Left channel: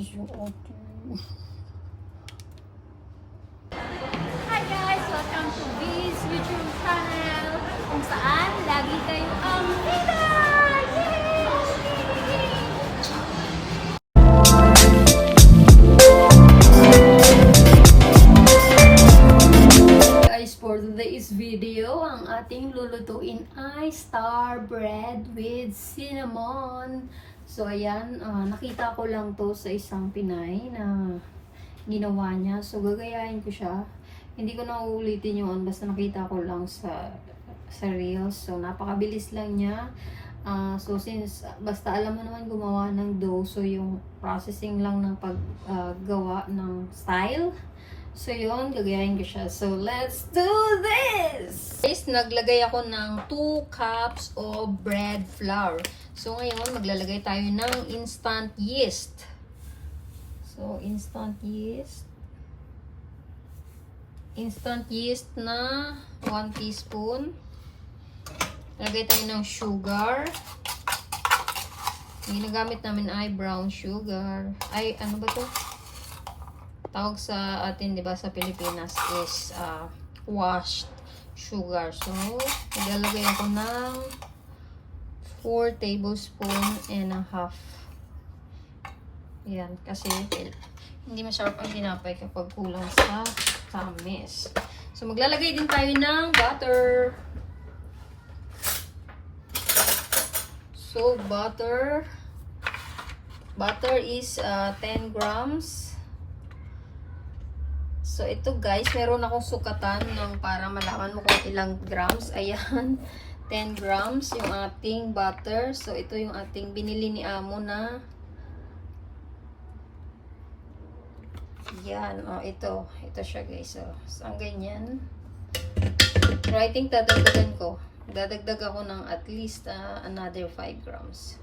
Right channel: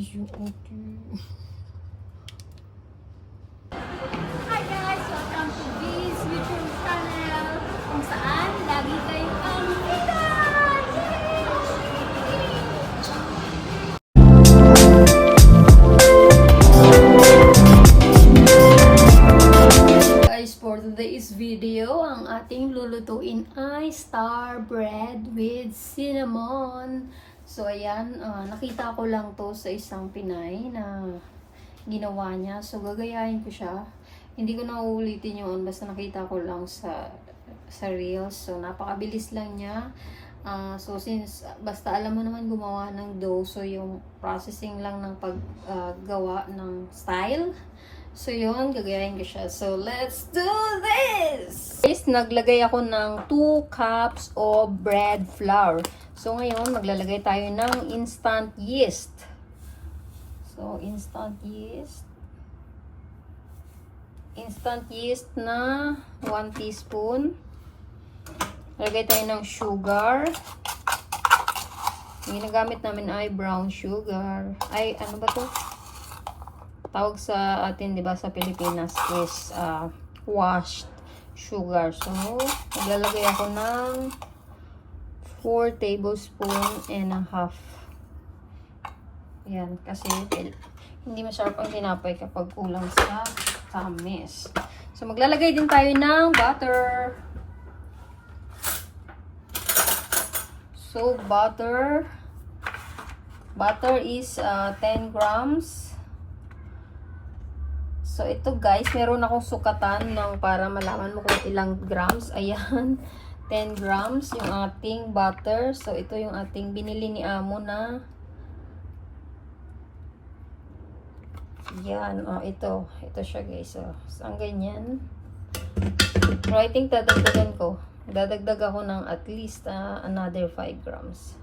guys, yung ating... Hi guys! Welcome to this YouTube channel kung saan lagi kayong ang kita! Guys, for today's video, ang ating lulutuin ay star bread with cinnamon. So, ayan, nakita ko lang to sa isang Pinay na ginawa niya. So, gagayahin ko siya. Hindi ko na uulitin yun, basta nakita ko lang sa Reels. So, napakabilis lang niya. So, since basta alam mo naman gumawa ng dough, so yung processing lang ng paggawa ng style. So, yun, gagayahin ko siya. So, let's do this! Guys, naglagay ako ng 2 cups of bread flour. So, ngayon, maglalagay tayo ng instant yeast. So, instant yeast. Instant yeast na 1 teaspoon. Lagay tayo ng sugar. Yung ginagamit namin ay brown sugar. Ay, ano ba to? Tawag sa atin, di ba, sa Pilipinas is washed sugar. So, maglalagay ako ng 4 tablespoons and a half. Yan, kasi hindi masarap ang tinapay kapag kulang sa tamis. So, maglalagay din tayo ng butter. So, butter is 10 grams. So, ito guys, meron akong sukatan ng para malaman mo kung ilang grams. Ayan, 10 grams yung ating butter. So, ito yung ating binili ni Amo na. Yan, ito siya guys. So, ang ganyan. So, I think dadagdagan ko. Dadagdag ako ng at least another 5 grams.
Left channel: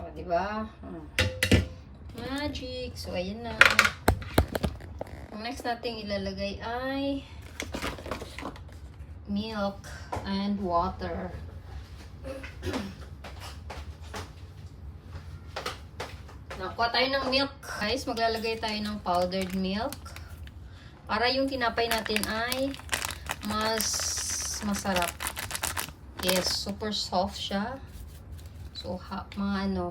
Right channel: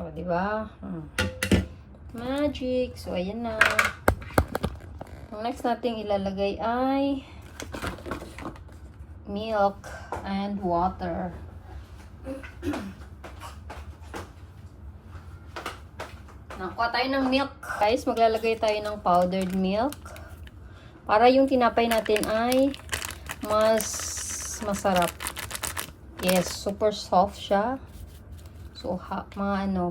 O, diba? Magic. So, ayan na. Ang next natin ilalagay ay milk and water. Nakuha tayo ng milk. Guys, maglalagay tayo ng powdered milk. Para yung tinapay natin ay mas masarap. Yes, super soft siya. So, mga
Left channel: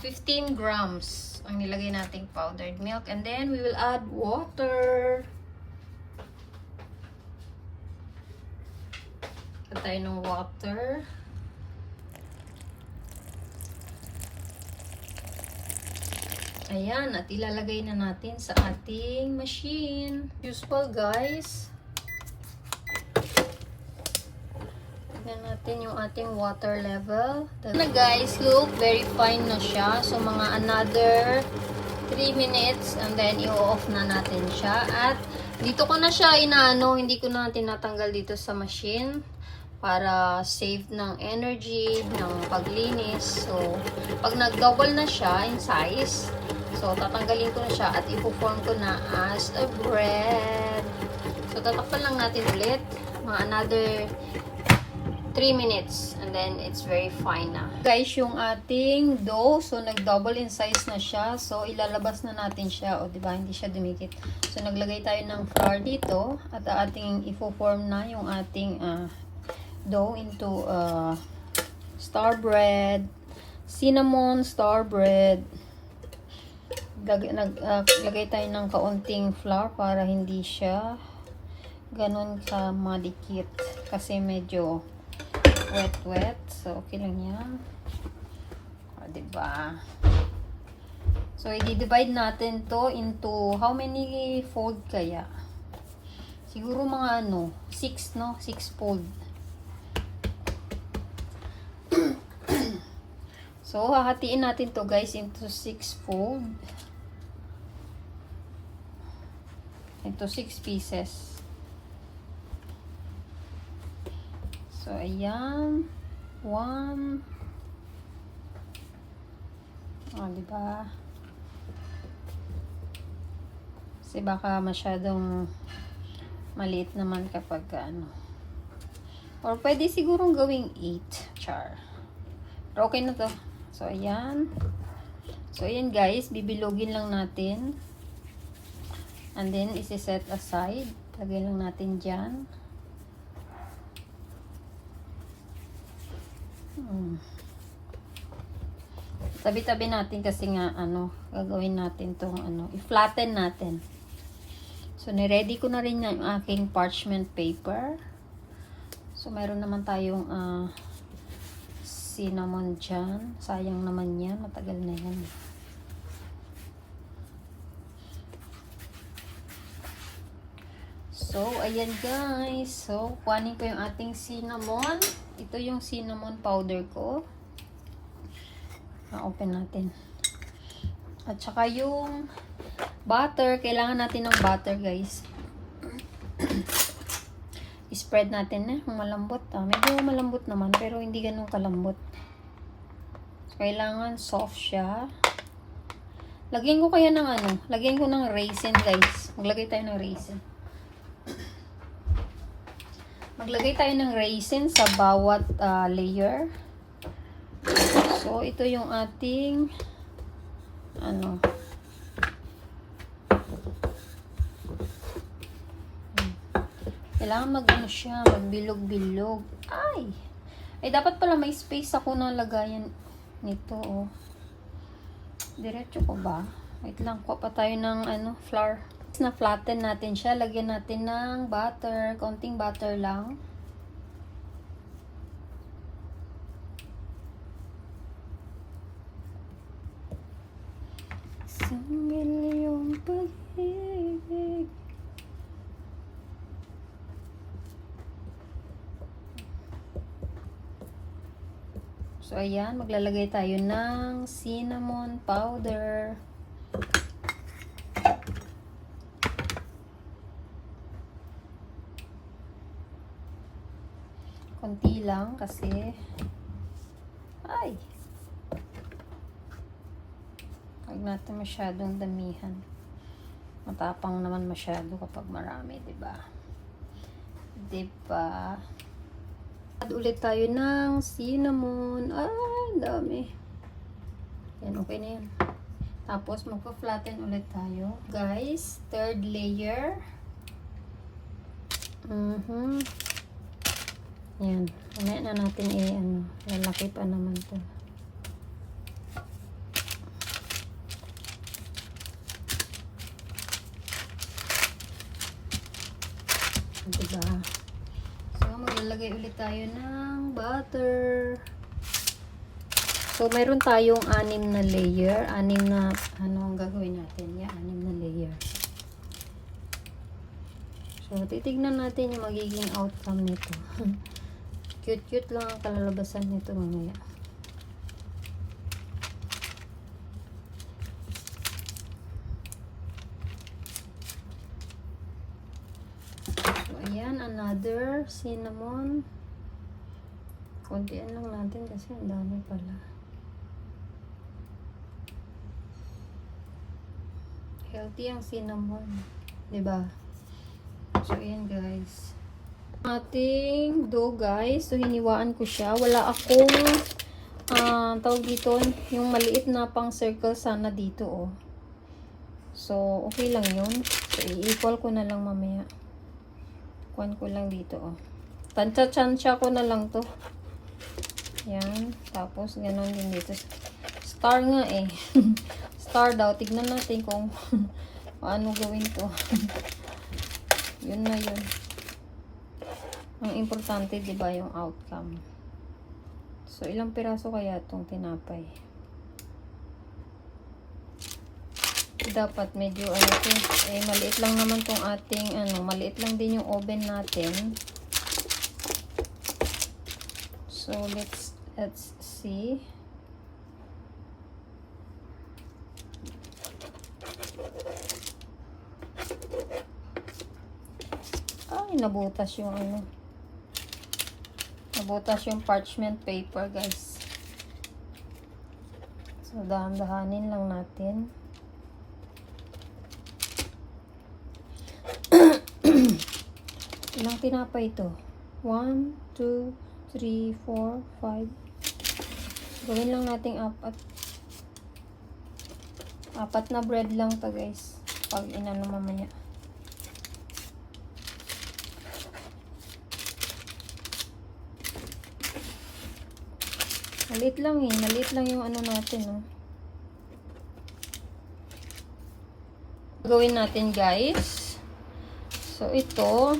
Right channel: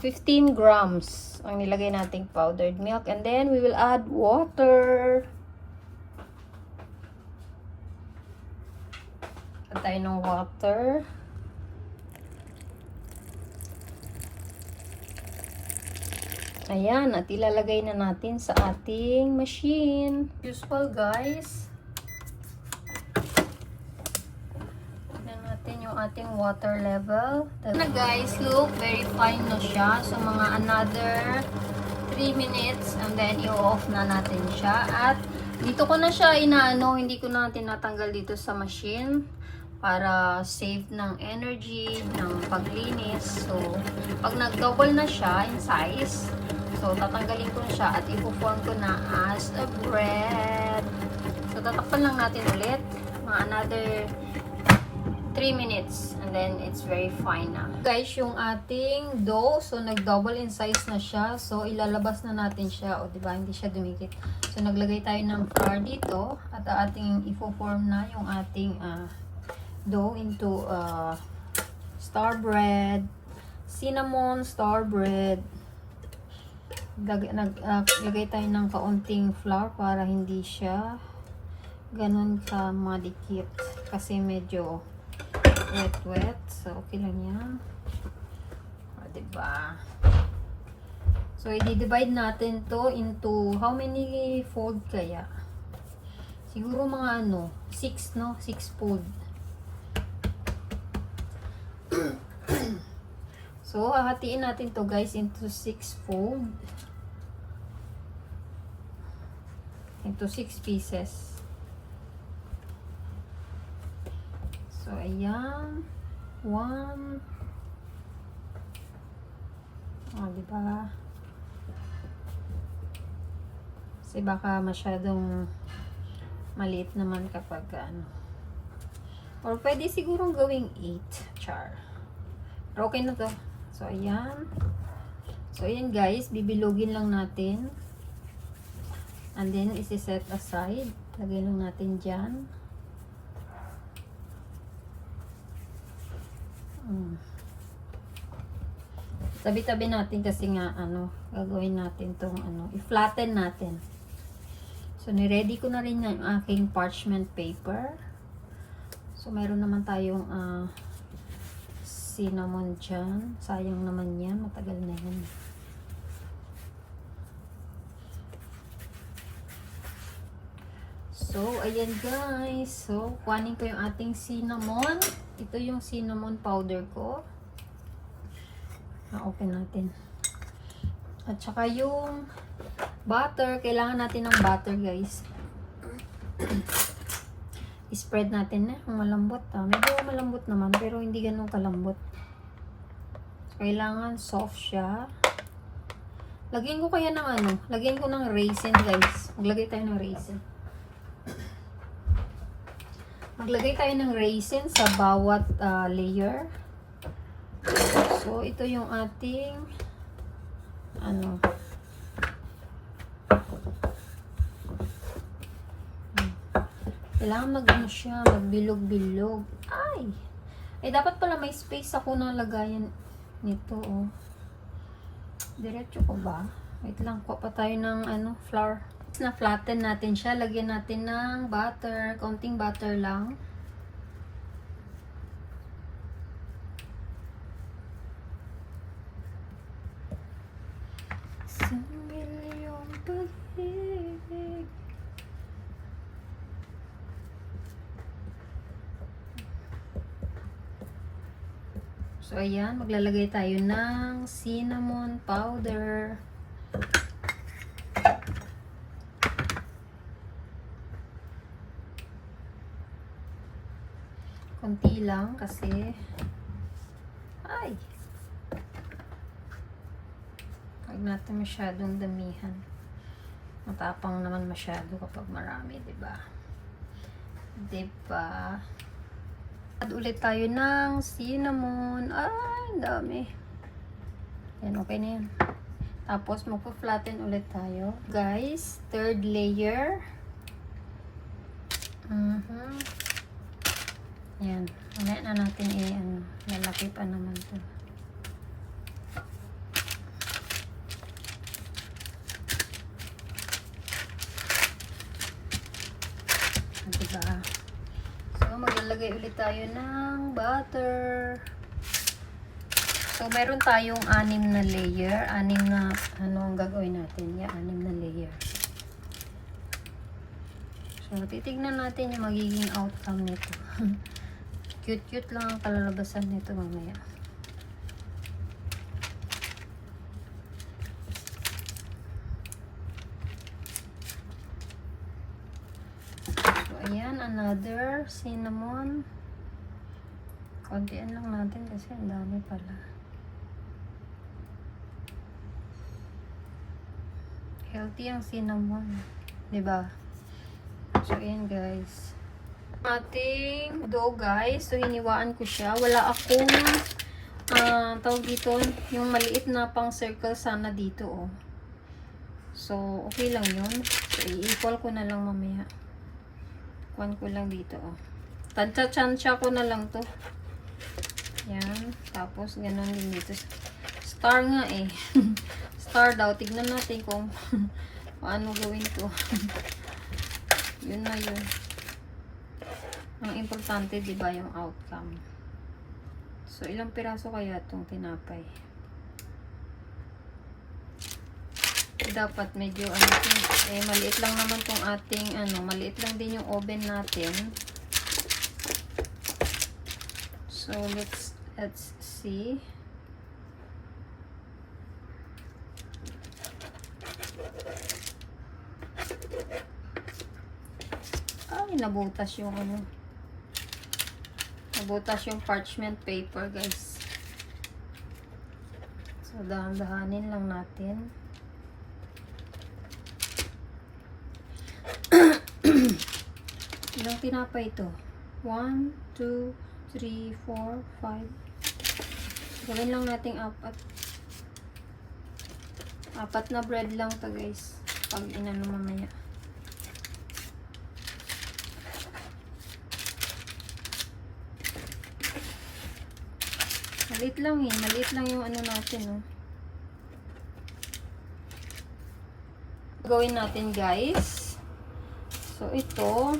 15 grams ang nilagay nating powdered milk. And then, we will add water. Add tayo ng water. Ayan, at ilalagay na natin sa ating machine. Useful, guys. Tignan natin yung ating water level. Na guys, look, very fine na siya. So, mga another 3 minutes and then i-off na natin siya. At dito ko na siya inaano, hindi ko na tinatanggal dito sa machine para save ng energy, ng paglinis. So, pag nag-double na siya in size, so, tatanggalin ko na siya at ipuform ko na as a bread. So, tatakpan lang natin ulit. Mga another 3 minutes. And then, it's very fine na. Guys, yung ating dough, so, nag-double in size na siya. So, ilalabas na natin siya. O, diba? Hindi siya dumikit. So, naglagay tayo ng flour dito. At ating ipuform na yung ating dough into star bread. Cinnamon star bread. Lagay tayo ng kaunting flour para hindi siya ganun ka madikit kasi medyo wet. So, okay lang yan. O, diba? So, i-divide natin to into how many fold kaya? Siguro mga 6, no? 6 fold. So, hahatiin natin to guys into 6 fold. Into 6 pieces. So, ayan. 1. O, diba? Kasi baka masyadong maliit naman kapag Or pwede sigurong gawing 8. Char. Pero okay na to. So, ayan. So, ayan guys, bibilogin lang natin. And then, isi-set aside. Lagay lang natin dyan. Tabi-tabi natin kasi nga, gagawin natin tong, i-flatten natin. So, niready ko na rin yung aking parchment paper. So, meron naman tayong, cinnamon dyan. Sayang naman yan. Matagal na yan. So, ayan guys. So, kuhanin ko yung ating cinnamon. Ito yung cinnamon powder ko. Open natin. At saka yung butter. Kailangan natin ng butter guys. I-spread natin na. Malambot. Medyo malambot naman. Pero hindi ganun kalambot. So, kailangan soft siya. Lagyan ko kaya ng lagyan ko ng raisin guys. Maglagay tayo ng raisin. Maglagay tayo ng raisin sa bawat layer. So, ito yung ating kailangan siya, magbilog-bilog. Ay, dapat pala may space ako na lagayan nito, oh. Diretso ko ba? Wait lang, kuha pa tayo ng flour. Na-flatten natin siya. Lagyan natin ng butter. Konting butter lang. Isang milyong pag-ibig. So, ayan. Maglalagay tayo ng cinnamon powder. Konti lang kasi huwag natin masyadong damihan. Matapang naman masyado kapag marami, diba? Diba? Add ulit tayo ng cinnamon. Ay, dami. Yan, okay na yan. Tapos, magpa-flatten ulit tayo. Guys, third layer. Yan. Mamaya na natin lalaki pa naman to. Diba? So, maglalagay ulit tayo ng butter. So, meron tayong 6 na layer. 6 na, ang gagawin natin? Yeah, 6 na layer. So, titignan natin yung magiging outcome nito. Cute-cute lang ang kalalabasan nito mamaya. So, ayan, another cinnamon. Kontian lang natin kasi ang dami pala. Healthy ang cinnamon. Diba? So, ayan guys. Ating dough guys. So, hiniwaan ko siya. Wala akong tawag dito, yung maliit na pang circle sana dito, oh. So, okay lang yun. So, i-equal ko na lang mamaya. Kuhan ko lang dito, oh. Tansya-tansya ko na lang to. Yan. Tapos, ganon din dito. Star nga eh. Star daw. Tignan natin kung paano gawin to. Yun na yun. Ang importante, diba, yung outcome. So, ilang piraso kaya itong tinapay? Dapat medyo, maliit lang naman tong ating, maliit lang din yung oven natin. So, let's see. Ay, nabutas yung nabutas yung parchment paper, guys. So, dahan-dahanin lang natin. Ilang tinapay ito? 1, 2, 3, 4, 5. Gawin lang natin apat. Apat na bread lang to guys. Pag inano mamaya. Maliit lang eh. Maliit lang yung ano natin, no. Gawin natin guys. So ito,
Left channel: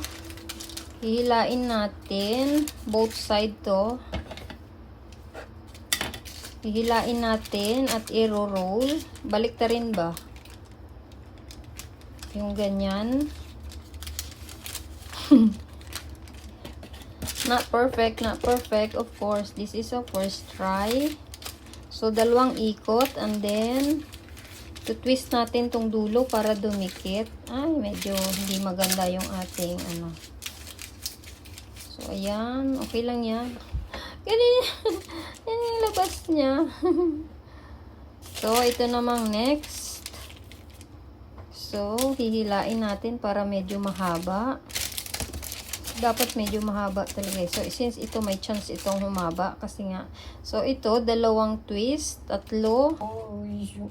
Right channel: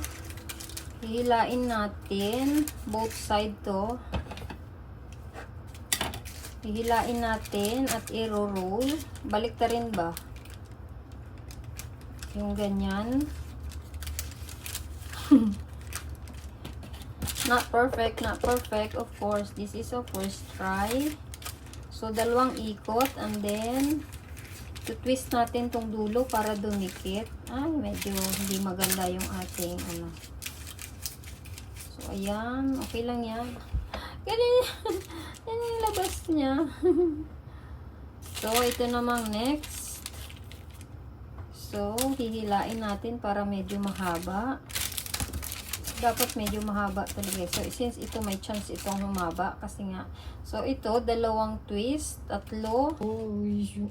hihilain natin both side to. Hihilain natin at i-roll. Balik ta rin ba? Yung ganyan. Not perfect, not perfect. Of course, this is a first try. So, dalawang ikot and then twist natin tong dulo para dumikit. Ay, medyo hindi maganda yung ating ano. So, ayan. Okay lang yan. Ganyan. Yan yung labas niya. So, ito namang next. So, hihilain natin para medyo mahaba. Dapat medyo mahaba talaga. So, since ito may chance itong humaba kasi nga. So, ito, dalawang twist, tatlo. Oh, yung